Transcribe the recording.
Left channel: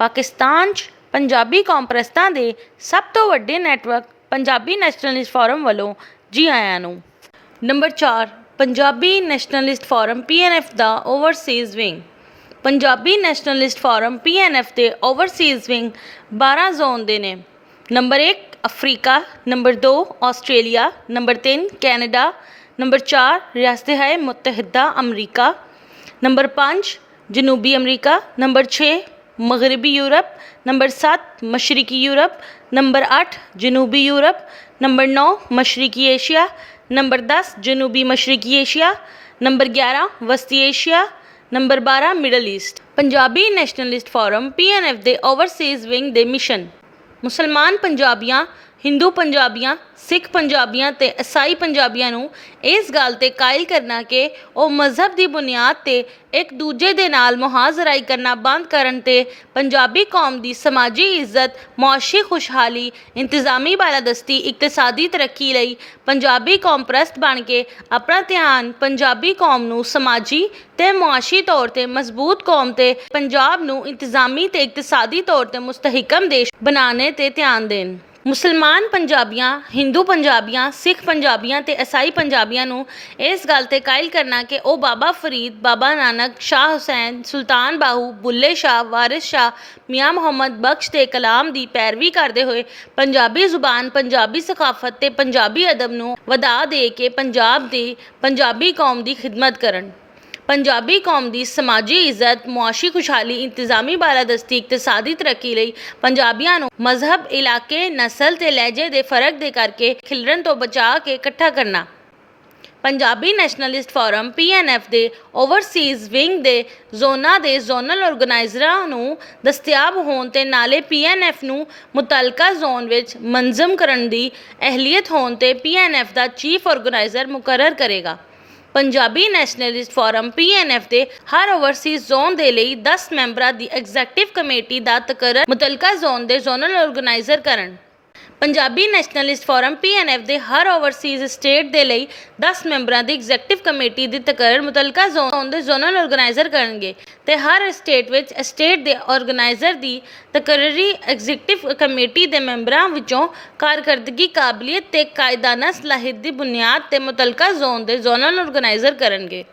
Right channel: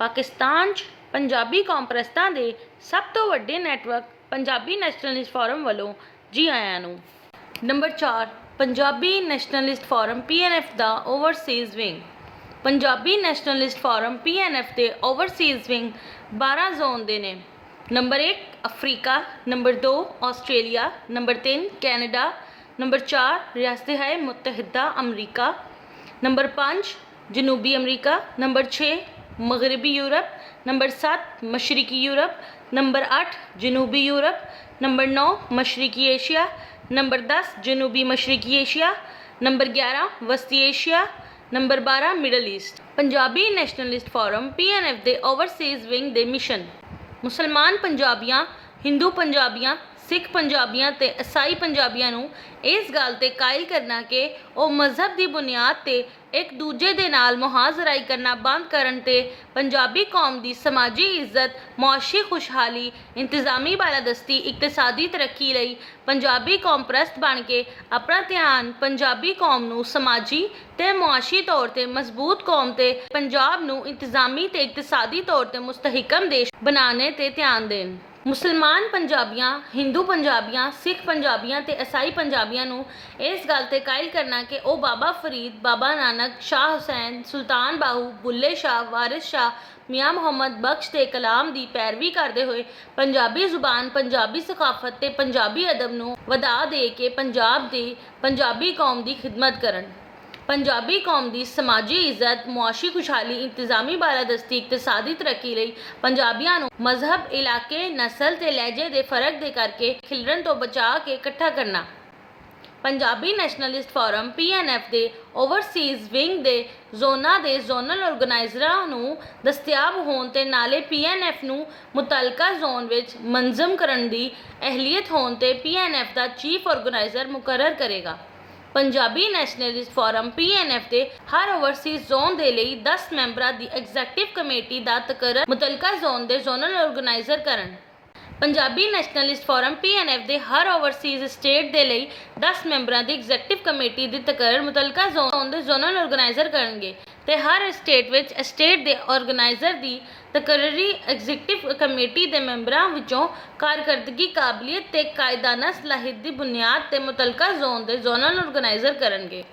ਪਾਕਿਸਤਾਨ 'ਚ ਪੰਜਾਬੀ ਕੌਮ ਪ੍ਰਸਤਾਂ ਦੇ ਸਭ ਤੋਂ ਵੱਡੇ ਨੈਟਵਰਕ ਪੰਜਾਬੀ ਨੈਸ਼ਨਲਿਸਟ ਫੋਰਮ ਵੱਲੋਂ ਜੀ ਆਇਆਂ ਨੂੰ। Number 4, Punjabi nationalist form PNF ਦਾ overseas wing. Punjabi nationalist form PNF ਦੇ ਓਵਰਸੀਜ਼ ਵਿੰਗ 12 ਜ਼ੋਨ ਦੇ ਨੇ। Number 1 Africa, number 2 Australia, number 3 Canada, number 4 ਰਿਆਸਤ-ਏ ਮੁਤਹਿਦਾ ਅਮਰੀਕਾ, ਨੰਬਰ 5 ਜਨੂਬੀ ਅਮਰੀਕਾ, ਨੰਬਰ 6 ਮਗਰਬੀ ਯੂਰਪ, ਨੰਬਰ 7 ਮਸ਼ਰਕੀ ਯੂਰਪ, ਨੰਬਰ 8 ਜਨੂਬੀ ਯੂਰਪ, ਨੰਬਰ 9 ਮਸ਼ਰਕੀ ਏਸ਼ੀਆ, ਨੰਬਰ 10 ਜਨੂਬੀ ਮਸ਼ਰਕੀ ਏਸ਼ੀਆ, ਨੰਬਰ 11 ਵਸਤੀ Asia, number 12 middle East. Punjabi nationalist form PNF ਦੇ ਓਵਰਸੀਜ਼ ਵਿੰਗ ਦੇ ਮਿਸ਼ਨ। ਮੁਸਲਮਾਨ ਪੰਜਾਬੀਆਂ, ਹਿੰਦੂ ਪੰਜਾਬੀਆਂ, ਸਿੱਖ ਪੰਜਾਬੀਆਂ ਤੇ ਈਸਾਈ ਪੰਜਾਬੀਆਂ ਨੂੰ ਇਸ ਗੱਲ 'ਤੇ ਕਾਇਲ ਕਰਨਾ ਕਿ ਉਹ ਮਜ਼ਹਬ ਦੀ ਬੁਨਿਆਦ 'ਤੇ ਇੱਕ ਦੂਜੇ ਦੇ ਨਾਲ ਮੁਹਾਜ਼ਰਾਈ ਕਰਨਾ ਬੰਦ ਕਰਨ ਤੇ ਪੰਜਾਬੀ ਕੌਮ ਦੀ ਸਮਾਜੀ ਇੱਜ਼ਤ, ਮੁਆਸ਼ੀ ਖੁਸ਼ਹਾਲੀ, ਇੰਤਜ਼ਾਮੀ ਬਾਲਾਦਸਤੀ, ਇਕਤਸਾਦੀ ਤਰੱਕੀ ਲਈ ਪੰਜਾਬੀ ਕੌਮ ਪ੍ਰਸਤ ਬਣ ਕੇ ਆਪਣਾ ਧਿਆਨ ਪੰਜਾਬੀ ਕੌਮ ਨੂੰ ਸਮਾਜੀ ਤੇ ਮੁਆਸ਼ੀ ਤੌਰ 'ਤੇ ਮਜ਼ਬੂਤ ਕੌਮ ਤੇ ਪੰਜਾਬ ਨੂੰ ਇੰਤਜ਼ਾਮੀ ਤੇ ਇਕਤਸਾਦੀ ਤੌਰ 'ਤੇ ਮੁਸਤਹਿਕਮ ਦੇਸ਼ ਬਣਾਉਣੇ 'ਤੇ ਧਿਆਨ ਦੇਣ। ਮੁਸਲਮਾਨ ਪੰਜਾਬੀਆਂ, ਹਿੰਦੂ ਪੰਜਾਬੀਆਂ, ਸਿੱਖ ਪੰਜਾਬੀਆਂ ਤੇ ਈਸਾਈ ਪੰਜਾਬੀਆਂ ਨੂੰ ਇਸ ਗੱਲ 'ਤੇ ਕਾਇਲ ਕਰਨਾ ਕਿ ਉਹ ਬਾਬਾ ਫਰੀਦ, ਬਾਬਾ ਨਾਨਕ, ਸ਼ਾਹ ਹੁਸੈਨ, ਸੁਲਤਾਨ ਬਾਹੂ, ਬੁੱਲੇ ਸ਼ਾਹ, ਵਾਰਿਸ ਸ਼ਾਹ, ਮੀਆਂ ਮੁਹੰਮਦ ਬਖਸ਼ ਦੇ ਕਲਾਮ ਦੀ ਪੈਰਵੀ ਕਰਦੇ ਹੋਏ ਪੰਜਾਬੀ ਜ਼ੁਬਾਨ, ਪੰਜਾਬੀ ਸਕਾਫਤ ਤੇ ਪੰਜਾਬੀ ਅਦਬ ਨੂੰ ਵਧਾ ਦੇ ਕੇ ਪੰਜਾਬ ਦੀ ਪੰਜਾਬੀ ਕੌਮ ਦੀ ਖਿਦਮਤ ਕਰਨ। ਪੰਜਾਬੀ ਕੌਮ ਦੀ ਸਮਾਜੀ ਇੱਜ਼ਤ, ਮੁਆਸ਼ੀ ਖੁਸ਼ਹਾਲੀ, ਇੰਤਜ਼ਾਮੀ ਬਾਲਾਦਸਤੀ, ਇਕਤਸਾਦੀ ਤਰੱਕੀ ਲਈ ਪੰਜਾਬੀਆਂ ਨੂੰ ਮਜ਼ਹਬ, ਇਲਾਕੇ, ਨਸਲ ਤੇ ਲਹਿਜੇ ਦੇ ਫਰਕ ਦੇ ਕਰਕੇ ਖਿਲਰਨ ਤੋਂ ਬਚਾ ਕੇ ਇਕੱਠਾ ਕਰਨਾ। ਪੰਜਾਬੀ ਨੈਸ਼ਨਲਿਸਟ ਫੋਰਮ PNF ਦੇ ਓਵਰਸੀਜ਼ ਵਿੰਗ ਦੇ ਜ਼ੋਨਾਂ ਦੇ ਜ਼ੋਨਲ ਆਰਗੇਨਾਈਜ਼ਰਾਂ ਨੂੰ ਦਸਤਿਆਬ ਹੋਣ ਤੇ ਨਾਲੇ PNF ਨੂੰ ਮੁਤਲਕਾ ਜ਼ੋਨ ਵਿੱਚ ਮੰਜ਼ਮ ਕਰਨ ਦੀ ਅਹਿਲੀਅਤ ਹੋਣ ਤੇ PNF ਦਾ ਚੀਫ ਆਰਗੇਨਾਈਜ਼ਰ ਮੁਕਰਰ ਕਰੇਗਾ। ਪੰਜਾਬੀ ਨੈਸ਼ਨਲਿਸਟ ਫੋਰਮ PNF ਦੇ ਹਰ ਓਵਰਸੀਜ਼ ਜ਼ੋਨ ਦੇ ਲਈ 10 ਮੈਂਬਰਾਂ ਦੀ ਐਗਜ਼ੈਕਟਿਵ ਕਮੇਟੀ ਦਾ ਤਕਰਰ ਮੁਤਲਕਾ ਜ਼ੋਨ ਦੇ ਜ਼ੋਨਲ ਆਰਗੇਨਾਈਜ਼ਰ ਕਰਨ। ਪੰਜਾਬੀ ਨੈਸ਼ਨਲਿਸਟ ਫੋਰਮ PNF ਦੇ ਹਰ ਓਵਰਸੀਜ਼ ਸਟੇਟ ਦੇ ਲਈ 10 ਮੈਂਬਰਾਂ ਦੀ ਐਗਜ਼ੈਕਟਿਵ ਕਮੇਟੀ ਦੀ ਤਕਰਰ ਮੁਤਲਕਾ ਜ਼ੋਨ ਦੇ ਜ਼ੋਨਲ ਆਰਗੇਨਾਈਜ਼ਰ ਕਰਨਗੇ ਤੇ ਹਰ ਸਟੇਟ ਵਿੱਚ ਸਟੇਟ ਦੇ ਆਰਗੇਨਾਈਜ਼ਰ ਦੀ ਤਕਰਰੀ ਐਗਜ਼ੈਕਟਿਵ ਕਮੇਟੀ ਦੇ ਮੈਂਬਰਾਂ ਵਿੱਚੋਂ ਕਾਰਕਰਦਗੀ, ਕਾਬਲੀਅਤ ਤੇ ਕਾਇਦਾਨਾ ਸਲਾਹੀਅਤ ਦੀ ਬੁਨਿਆਦ ਤੇ ਮੁਤਲਕਾ ਜ਼ੋਨ ਦੇ ਜ਼ੋਨਲ ਆਰਗੇਨਾਈਜ਼ਰ ਕਰਨਗੇ।